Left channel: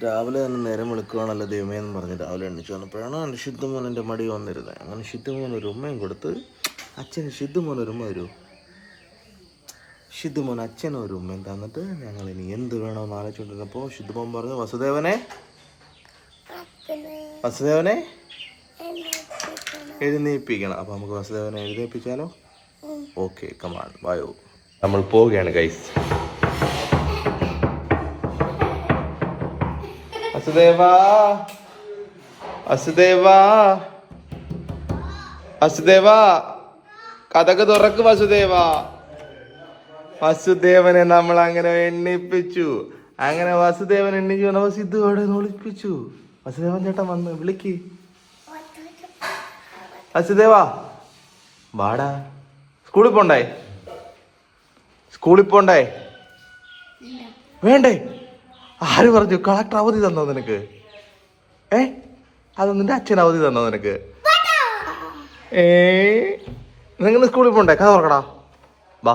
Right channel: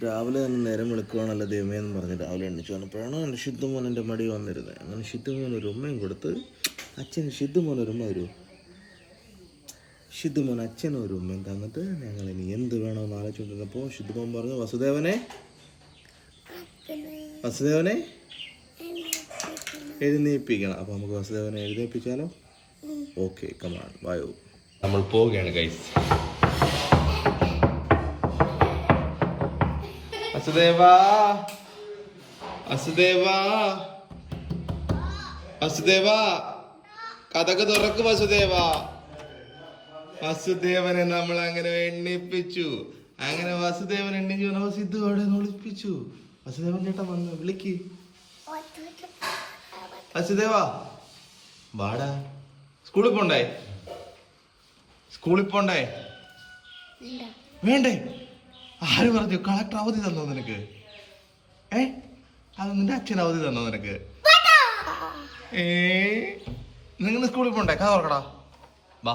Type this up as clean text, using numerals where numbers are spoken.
രാവിലെ തന്നെ നേരം വിളിക്കുകയാണല്ലോ ദൈവമേ എന്ന് പറഞ്ഞ് രാവിലെ എണ്ണിച്ചു വന്നപ്പോഴാണ് എൻ്റെ ശുദ്ധമോൻ എൻ്റെ മടി വന്നിരുന്നത്. അങ്ങനെ ശുദ്ധമോൻ ഒരു ഉമ്മയും കൊടുത്ത് അച്ഛന് ശുദ്ധമോൻ ഒരു ഉമ്മ വരൂ. ശുദ്ധമോൻ അച്ഛനും ഒരു ഉമ്മയും തന്നിട്ട് ഞങ്ങൾ ഇനി എന്ത് വേണമെന്ന് ആലോചിച്ചുകൊണ്ടിരുന്നപ്പോൾ ശുദ്ധമോൻ പറഞ്ഞു, വസുദേവനെ എഴുന്നേൽപ്പിക്കണം. അപ്പോൾ നമുക്ക് വസുദേവനെ എഴുന്നേൽപ്പിച്ചാലോ? ഓക്കെ, കമാൺ വായോ. നമ്മൾ പോവുകയാണ് ഗൈസ്. വസുദേവാ വസുദേവാ വസുദേവാ കഥക്ക് തുറക്ക് വസുദേവാ. വസുദേവനെ നമ്മൾ അങ്ങനെ എണ്ണിപ്പിച്ചു. അങ്ങനെ വസുദേവൻ എണ്ണിച്ചു വന്നപ്പോ സിദ്ധു അവിടെ ഒളിപ്പിച്ചു. വസുദേവൻ ചേട്ടൻ വന്ന് വിളിക്ക്. വസുദേവാ വാടാ. സ്കൂളിൽ പോണ്ടേ? വേണ്ടേ? ആര് പറഞ്ഞു? കളക്ടർ അവധി തന്നോ നിനക്ക്? അത് നിന്റെ അച്ഛൻ അവധി തന്നോ നിനക്ക്? നിങ്ങൾ സ്കൂളിൽ പോണ്ടേ? കഥ തുറക്കടാ, വാ.